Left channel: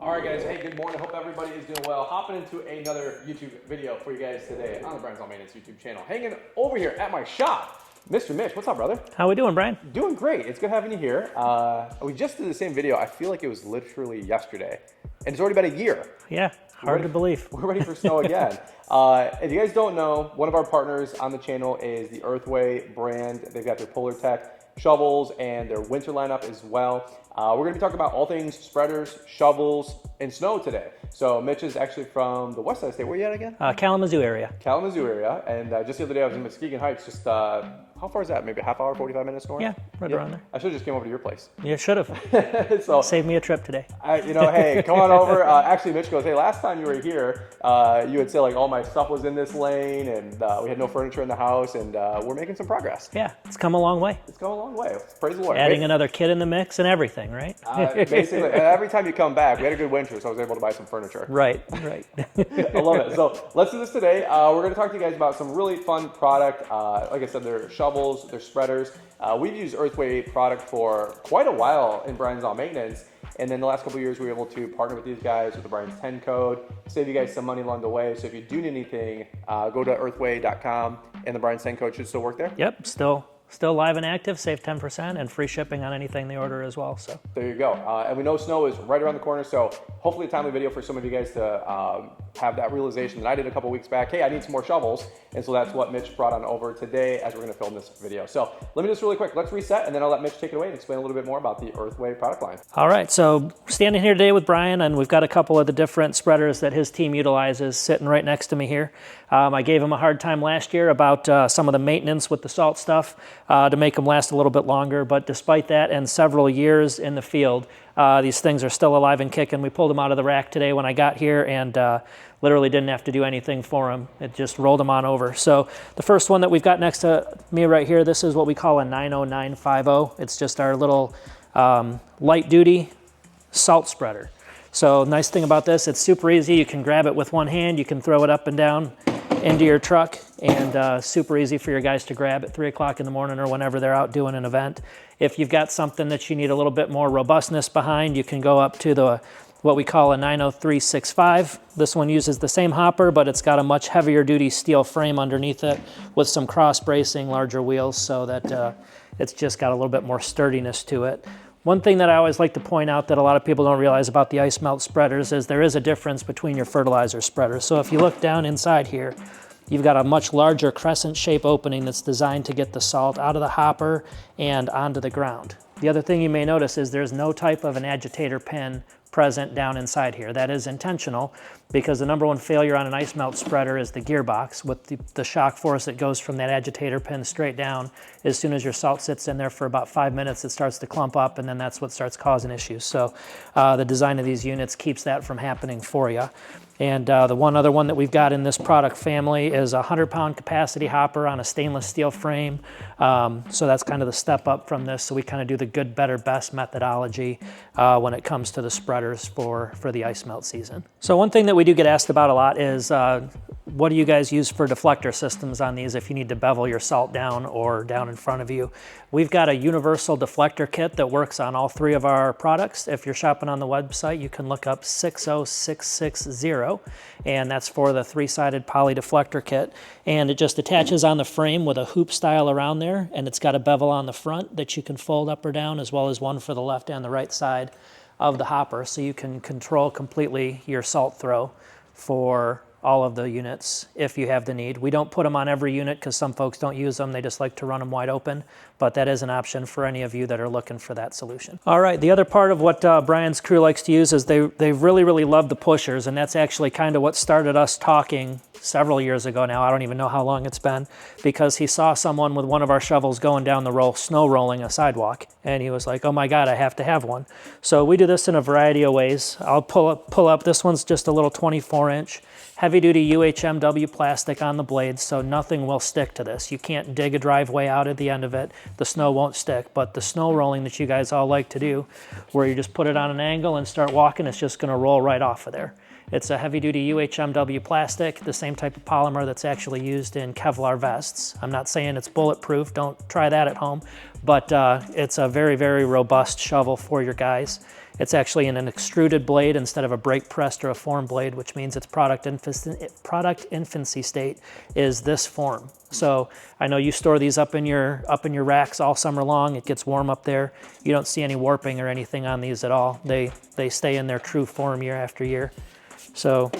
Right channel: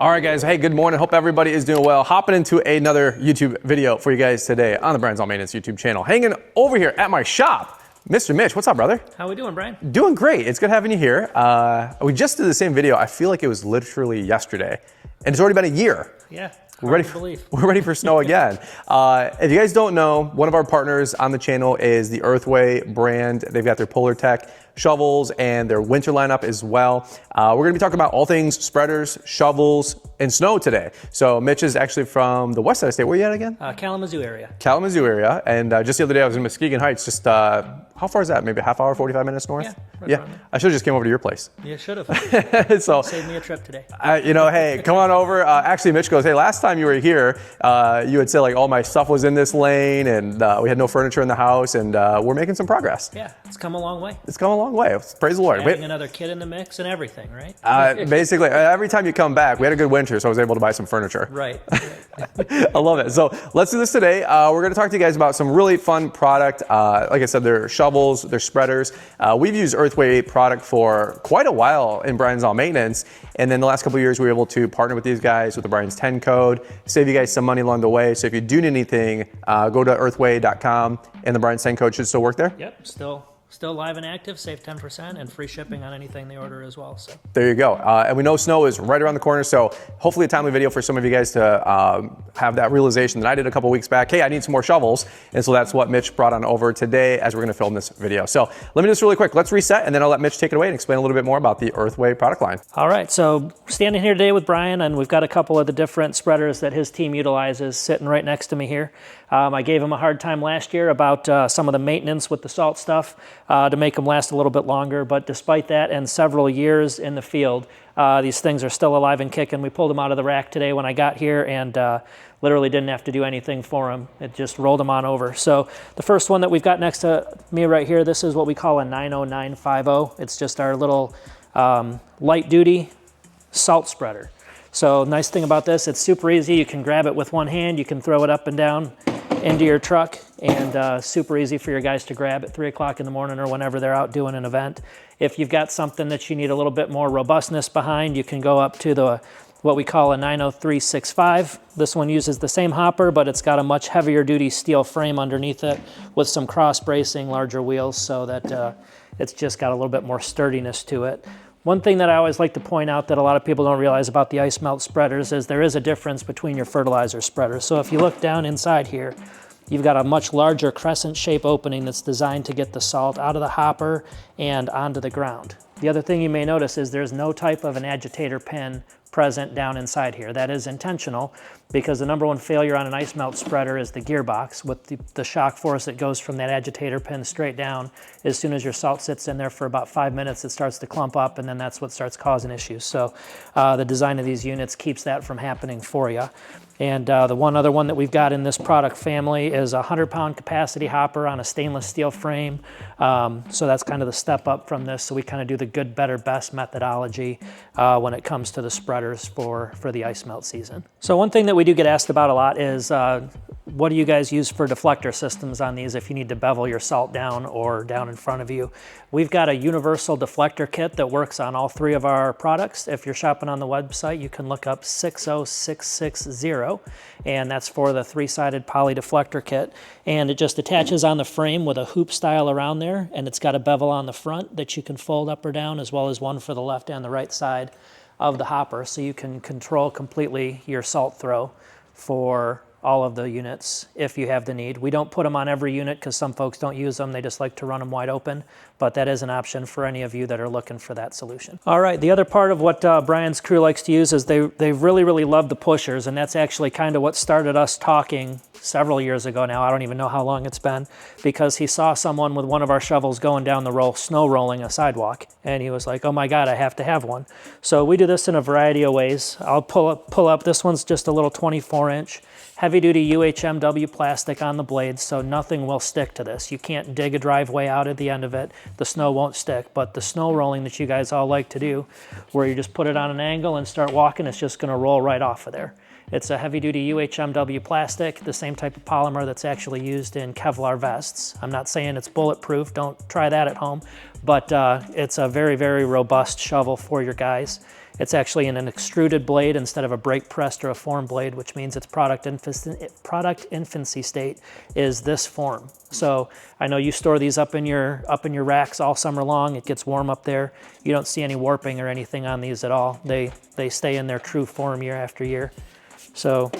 All right, guys. Hey, good morning. Hope everybody is doing well. Hopping into another YouTube video for you guys today on the Brian's Lawn Maintenance YouTube channel. Hanging over here at my shop, Mr. Mitch. What's up, brother? How we doing, Brian? Doing great. It's good having you here. We just did the same video. I feel like it was literally yesterday, and it's already been a year. Yeah. We're ready for snow again. If you guys don't know, one of our partners on the channel is the EarthWay brand. They've got their Polar Tech shovels and their winter lineup as well. We're gonna be talking about all things spreaders, shovels, and snow today. So Mitch is actually from the west side of the state. Where are you at again? Kalamazoo area. Kalamazoo area. And just the other day I was in Muskegon Heights. Just how far is that? Maybe a half hour, 45 minutes north? Yeah, right around. I should have just came over to your place. You should have. So save me a trip today. You know, hey, come on over. Actually, Mitch goes, hey, last time you were here, you had said like all my stuff was in this lane and we had no furniture in the house, and we're making some progress. Yeah, it's come a long way. It's come a long way. Praise the Lord. Adding another kid in the mix and everything, right? Basically, every time you come back, we had a good winter, so I was able to buy some furniture. Right. I love it. So let's do this today. We're going to talk to you guys about some really fun product. Like I said, they're shovels, they're spreaders. We've used EarthWay product for quite a while in Brian's Lawn Maintenance, and then the last couple of years we were able to partner with these guys with the Brian's 10 code, save you guys some money along the way. So if you do need anything, go to earthway.com, and the Brian's 10 code should still work there. Yep, still live and active, save 10% and free shipping on anything they order as well. So there you go. And we know snow is right around the corner, so hopefully a timely video for some of you guys to have that realization that I did a couple weeks back. Hey, I need some more shovels. And so that's what Mitch brought on over today as we're gonna film this video. So let me do this really quick. Let's reset, and then I'll let Mitch take it away and explain a little bit more about the EarthWay product line. All right, so standing here today with Brian, and we've got a couple of the different spreaders that his team utilizes sitting right next to me here. I gave him a hard time last year about some of the maintenance with the salt stuff to make them last a little bit longer, but despite that and several years in the field, these things are still alive and kicking. We pulled them out of the rack today when I got here, and literally didn't have to do anything for them. It just rolled them on over. So the first one that we've got next to me right here, this is what we call a 90950. It's just our little light duty salt spreader. So nice thing about this, it's super easy. You can grab it with one hand, you can throw it up and down into your truck, and super easy for your guys to grab at 3 o'clock in the morning or whenever they're out doing an event. If you've got something that you need a little bit more robustness behind, you can go up to what we call a 90365. This one uses the same hopper, but it's got a much heavier duty steel frame underneath it with some cross bracing, larger wheels, so that it's just got a little bit more sturdiness to it. One thing that I always like to point out that a lot of people don't realize about the ice melt spreaders is there is a difference between your fertilizer spreaders. So if you look down inside here, you've got a much larger crescent shape opening that's designed to get the salt out of the hopper and onto the ground. The other thing you may notice is there's no type of an agitator pin present down inside here. That is intentional because the number one failure on an ice melt spreader is the gearbox with the shock force that goes from that agitator pin straight down. As soon as your salt sits in there for about 5 minutes, it starts to clump up, and then that's what starts causing issues. So the design of these units keeps that from happening for you. And the one other one that we've got in this product family is a 100-pound capacity hopper on a stainless steel frame. So that's kind of the step up from this. So we kind of do the good, better, best methodology when it comes to the spreaders for the ice melt season. So one thing that we do get asked about a lot is what do you guys use for deflector systems on these if you need to bevel your salt down or down in front of you? We've got a universal deflector kit that works on all three of our products. If you're shopping on the website, you can look up 60660, and that's for the 3-sided poly deflector kit. And it just attaches on the frame with a hoop style around there, and it's got a bevel on the front that you can fold up or down, as well as one for the left and the right side of the hopper, so you can control completely your salt throw for all of the units if you have the need. We don't put them on every unit because some folks don't use them. They just like to run them wide open, but that is an option for any of you that are looking for that solution. All right, the other part of what Brian's crew likes to use is they really love the pushers, and that's actually kind of what started us talking several years ago now. I don't even know how long it's been, because he saw someone with one of our shovels going down the snow rolling a sidewalk, and he was like, oh my God, I have to have one. So we do this in a variety of ways. I'll pull up, this one's just a little 24-inch heavy-duty UHMW plastic on the blades, so nothing will stick to this. You can't dig a driveway out at the end of it. The snow won't stick, but the snow rolling that you guys all like to do, where you just put it on an angle and start walking, it's just gonna roll right off of there. It's a heavy-duty UHMW plastic, the same type of polymer that's actually used in Kevlar vests. I'm not saying it's bulletproof, don't try that at home, but it's a very, very robust shovel for your guys. It's actually in an extruded blade instead of a brake pressed or a form blade, which means its product infancy state is this form. So I know you store these up in your racks all summer long. It gets warm up there. You don't see any warping or anything on these at all. They stay in their true form year after year. So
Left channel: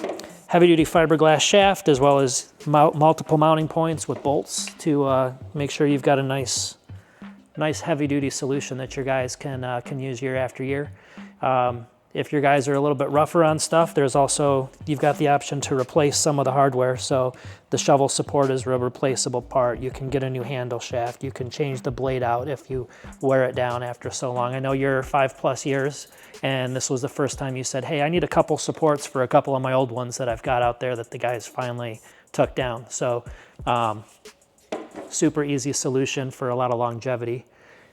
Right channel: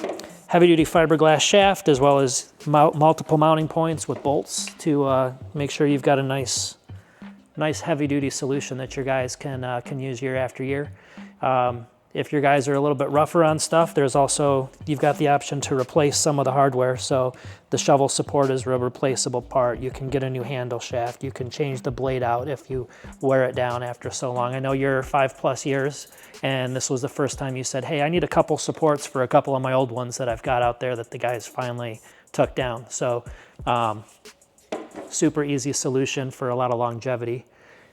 heavy duty fiberglass shaft, as well as multiple mounting points with bolts to make sure you've got a nice heavy duty solution that your guys can use year after year. If your guys are a little bit rougher on stuff, you've got the option to replace some of the hardware. So the shovel support is a replaceable part. You can get a new handle shaft. You can change the blade out if you wear it down after so long. I know you're 5+ years, and this was the first time you said, hey, I need a couple supports for a couple of my old ones that I've got out there that the guys finally took down. So super easy solution for a lot of longevity.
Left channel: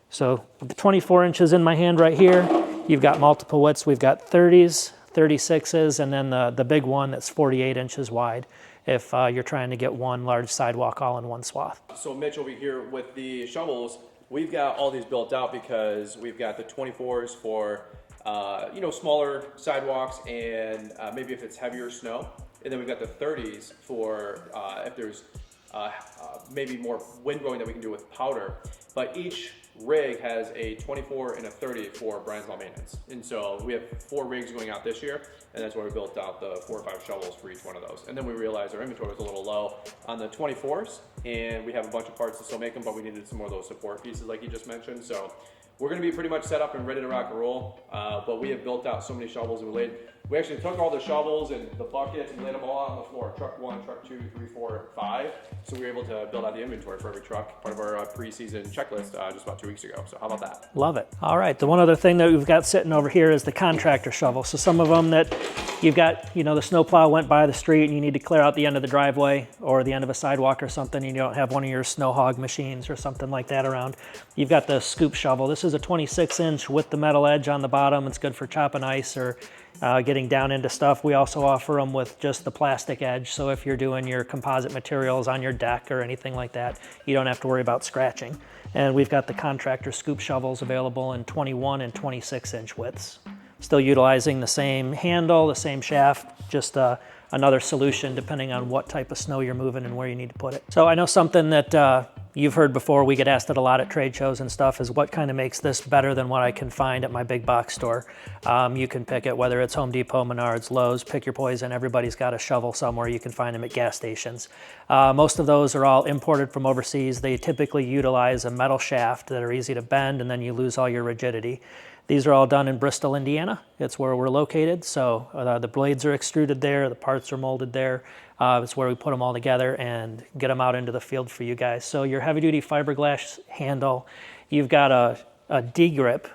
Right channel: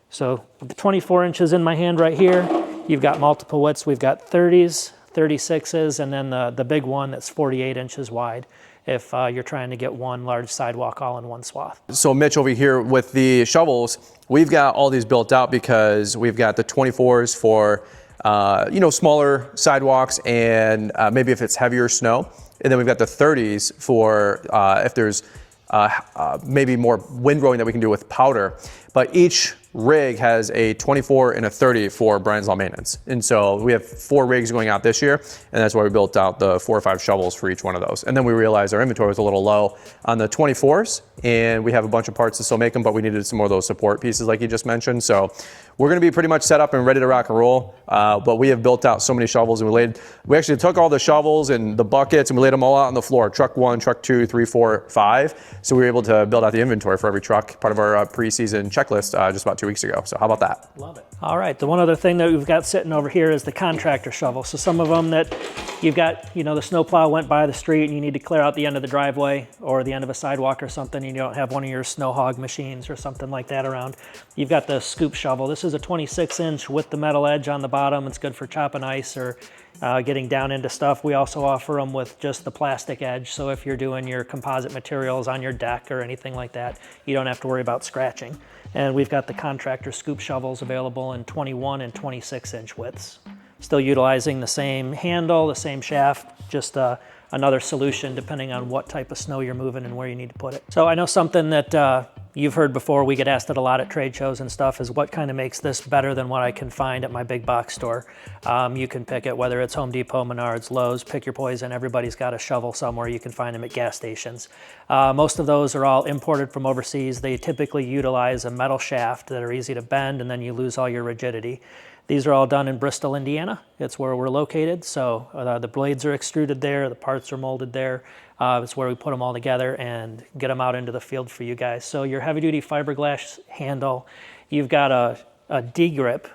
So with the 24 inches in my hand right here, you've got multiple widths. We've got 30s, 36s, and then the big one that's 48 inches wide if you're trying to get one large sidewalk all in one swath. So Mitch, over here with the shovels, we've got all these built out because we've got the 24s for smaller sidewalks and maybe if it's heavier snow. And then we've got the 30s for if there's maybe more windrowing that we can do with powder. But each rig has a 24 and a 30 for Brian's Lawn Maintenance. And so we have 4 rigs going out this year, and that's why we built out the 4 or 5 shovels for each one of those. And then we realized our inventory was a little low on the 24s, and we have a bunch of parts to still make them, but we needed some more of those support pieces like you just mentioned. So we're gonna be pretty much set up and ready to rock and roll, but we have built out so many shovels, and we actually took all the shovels and the buckets and we laid them all out on the floor, truck 1, truck 2, 3, 4, 5. So we were able to build out the inventory for every truck, part of our preseason checklist just about 2 weeks ago. So how about that? Love it. All right, the one other thing that we've got sitting over here is the Contractor shovel. So some of them that you've got, the snowplow went by the street and you need to clear out the end of the driveway or the end of a sidewalk or something, and you don't have one of your snow hog machines or something like that around. You've got the scoop shovel. This is a 26-inch with the metal edge on the bottom. It's good for chopping ice or getting down into stuff. We also offer them with just the plastic edge. So if you're doing your composite materials on your deck or anything like that, you don't have to worry about scratching. And we've got the Contractor scoop shovels available in 21 and 26-inch widths. Still utilizing the same handle, the same shaft, just another solution depending on what type of snow you're moving and where you need to put it. So I know something that you've heard before, we get asked it a lot at trade shows and stuff, is what kind of makes this better than what I can find at my big box store. You can pick it, whether it's Home Depot, Menards, Lowe's, pick your poison. Everybody's got a shovel somewhere. You can find them at gas stations. Most of those are all imported from overseas. They typically utilize a metal shaft that are easy to bend, and then you lose all your rigidity. These are all done in Bristol, Indiana. It's where we're located. So the blades are extruded there, the parts are molded there. It's where we put them all together and get them out into the field for you guys. So your heavy duty fiberglass handle, you've got a D-grip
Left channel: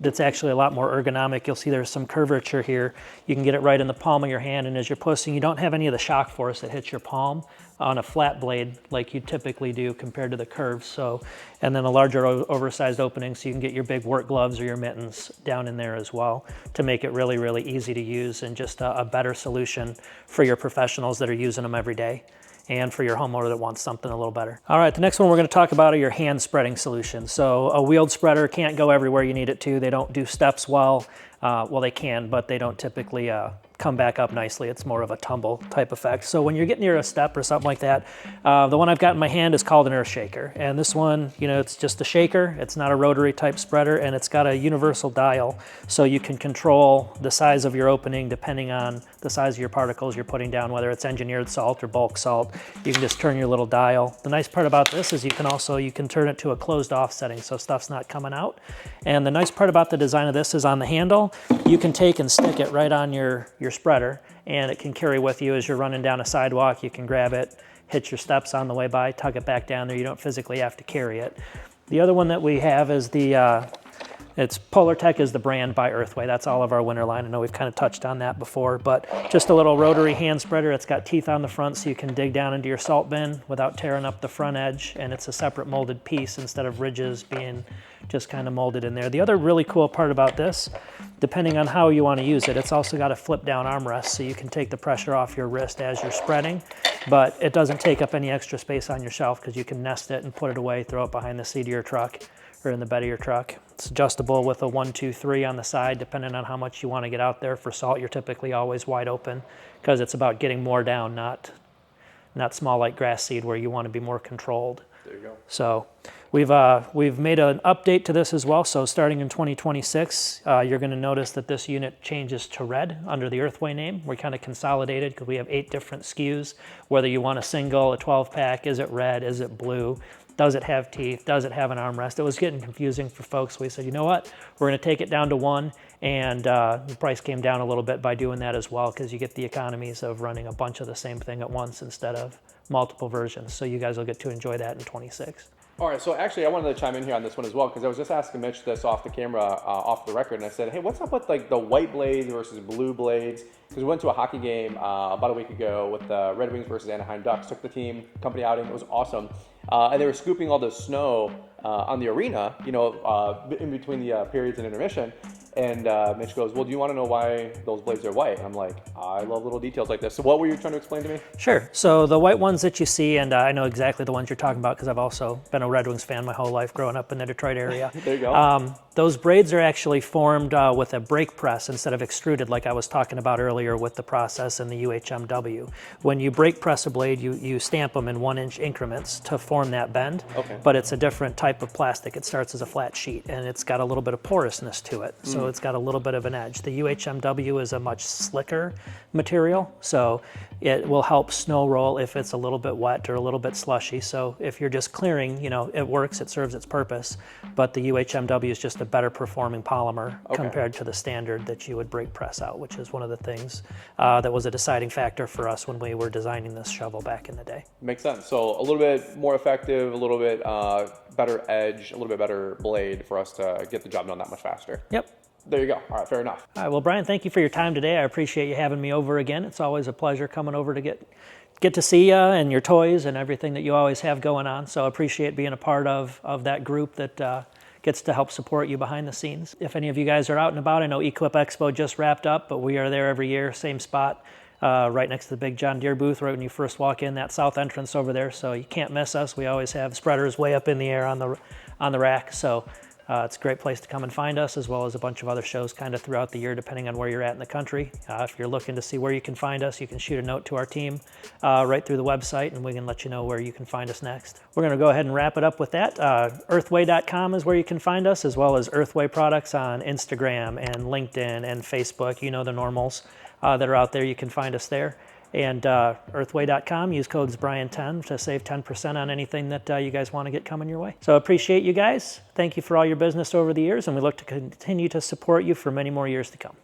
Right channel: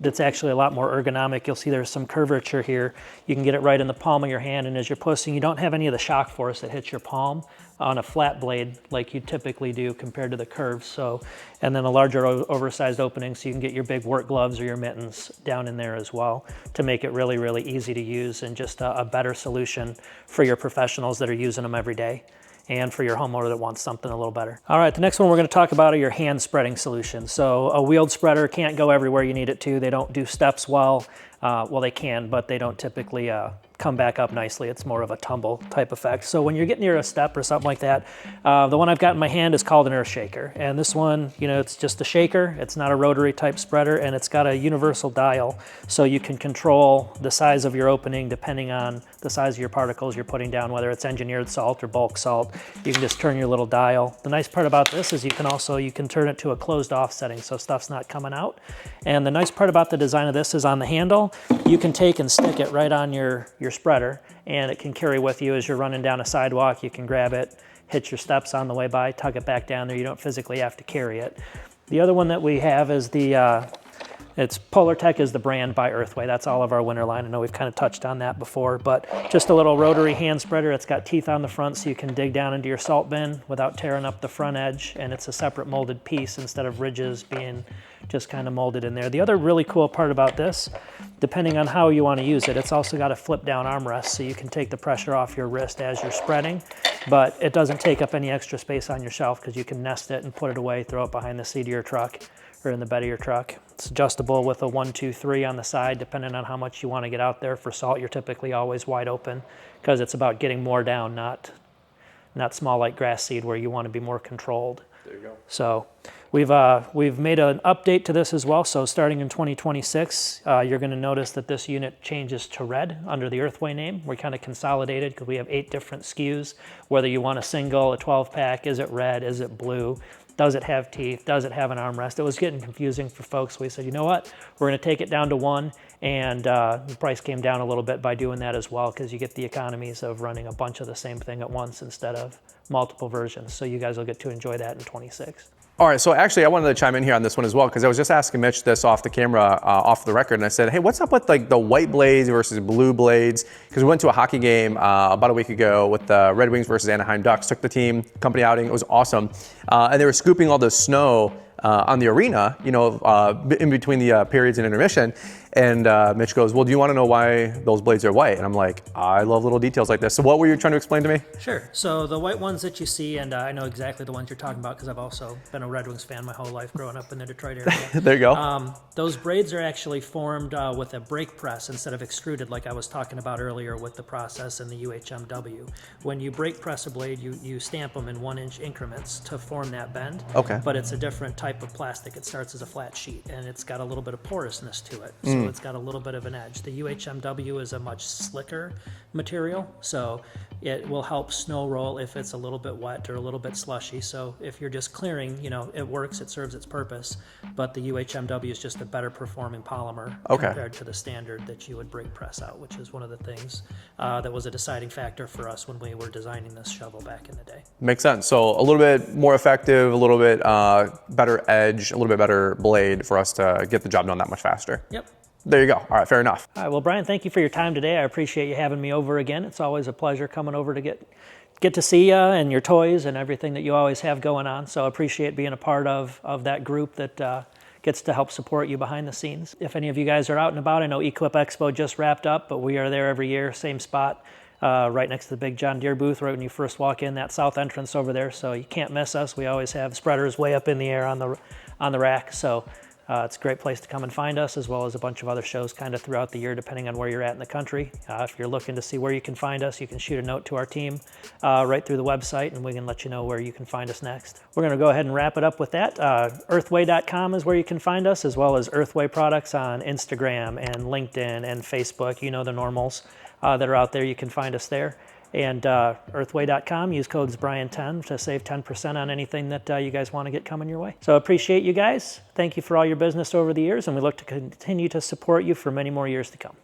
that's actually a lot more ergonomic. You'll see there's some curvature here. You can get it right in the palm of your hand, and as you're pushing, you don't have any of the shock force that hits your palm on a flat blade like you typically do compared to the curves. So, and then a larger oversized opening so you can get your big work gloves or your mittens down in there as well to make it really, really easy to use and just a better solution for your professionals that are using them every day and for your homeowner that wants something a little better. All right, the next one we're gonna talk about are your hand spreading solutions. So a wheeled spreader can't go everywhere you need it to. They don't do steps well. Well, they can, but they don't typically come back up nicely. It's more of a tumble type effect. So when you're getting near a step or something like that, the one I've got in my hand is called an earth shaker. And this one, it's just a shaker. It's not a rotary type spreader, and it's got a universal dial. So you can control the size of your opening depending on the size of your particles you're putting down, whether it's engineered salt or bulk salt. You can just turn your little dial. The nice part about this is you can turn it to a closed off setting so stuff's not coming out. And the nice part about the design of this is on the handle, you can take and stick it right on your spreader, and it can carry with you as you're running down a sidewalk. You can grab it, hit your steps on the way by, tug it back down there. You don't physically have to carry it. The other one that we have is it's Polartec is the brand by EarthWay. That's all of our winter line. I know we've kind of touched on that before, but just a little rotary hand spreader. It's got teeth on the front so you can dig down into your salt bin without tearing up the front edge, and it's a separate molded piece instead of ridges being just kind of molded in there. The other really cool part about this, depending on how you want to use it, it's also got a flip down armrest so you can take the pressure off your wrist as you're spreading, but it doesn't take up any extra space on your shelf because you can nest it and put it away, throw it behind the seat of your truck or in the bed of your truck. It's adjustable with a 1, 2, 3 on the side, depending on how much you want to get out there. For salt, you're typically always wide open because it's about getting more down, not small like grass seed where you want to be more controlled. There you go. So we've made an update to this as well. So starting in 2026, you're going to notice that this unit changes to red under the EarthWay name. We're kind of consolidated because we have 8 different SKUs. Whether you want a single, a 12-pack, is it red, is it blue? Does it have teeth? Does it have an armrest? It was getting confusing for folks. We said, you know what? We're going to take it down to 1, and the price came down a little bit by doing that as well because you get the economies of running a bunch of the same thing at once instead of multiple versions. So you guys will get to enjoy that in 26. All right, so actually I wanted to chime in here on this one as well because I was just asking Mitch this off the camera, off the record, and I said, hey, what's up with like the white blades versus blue blades? Because we went to a hockey game about a week ago with the Red Wings versus Anaheim Ducks, took the team, company outing, it was awesome. And they were scooping all the snow on the arena, you know, in between the periods and intermission. And Mitch goes, well, do you want to know why those blades are white? And I'm like, I love little details like this. So what were you trying to explain to me? Sure. So the white ones that you see, and I know exactly the ones you're talking about because I've also been a Red Wings fan my whole life growing up in the Detroit area. There you go. Those braids are actually formed with a brake press instead of extruded like I was talking about earlier with the process in the UHMW. When you brake press a blade, you stamp them in 1-inch increments to form that bend. Okay. But it's a different type of plastic. It starts as a flat sheet and it's got a little bit of porousness to it. So it's got a little bit of an edge. The UHMW is a much slicker material, so it will help snow roll if it's a little bit wet or a little bit slushy. So if you're just clearing, you know, it works, it serves its purpose, but the UHMW is just a better performing polymer compared to the standard that you would brake press out, which is one of the things that was a deciding factor for us when we were designing this shovel back in the day. Makes sense. So a little bit more effective, a little bit better edge, a little bit better blade for us to get the job done that much faster. Yep. There you go. All right, fair enough. All right, well, Brian, thank you for your time today. I appreciate you having me over again. It's always a pleasure coming over to get to see you and your toys and everything that you always have going on. So I appreciate being a part of that group that gets to help support you behind the scenes. If any of you guys are out and about, I know Equip Expo just wrapped up, but we are there every year, same spot, right next to the big John Deere booth, right when you first walk in, that south entrance over there. So you can't miss us. We always have spreaders way up in the air on the rack. So it's a great place to come and find us, as well as a bunch of other shows kind of throughout the year, depending on where you're at in the country. If you're looking to see where you can find us, you can shoot a note to our team right through the website, and we can let you know where you can find us next. We're going to go ahead and wrap it up with that. EarthWay.com is where you can find us, as well as EarthWay products on Instagram and LinkedIn and Facebook. You know the normals that are out there. You can find us there. And EarthWay.com, use codes Brian10 to save 10% on anything that you guys want to get coming your way. So appreciate you guys. Thank you for all your business over the years, and we look to continue to support you for many more years to come.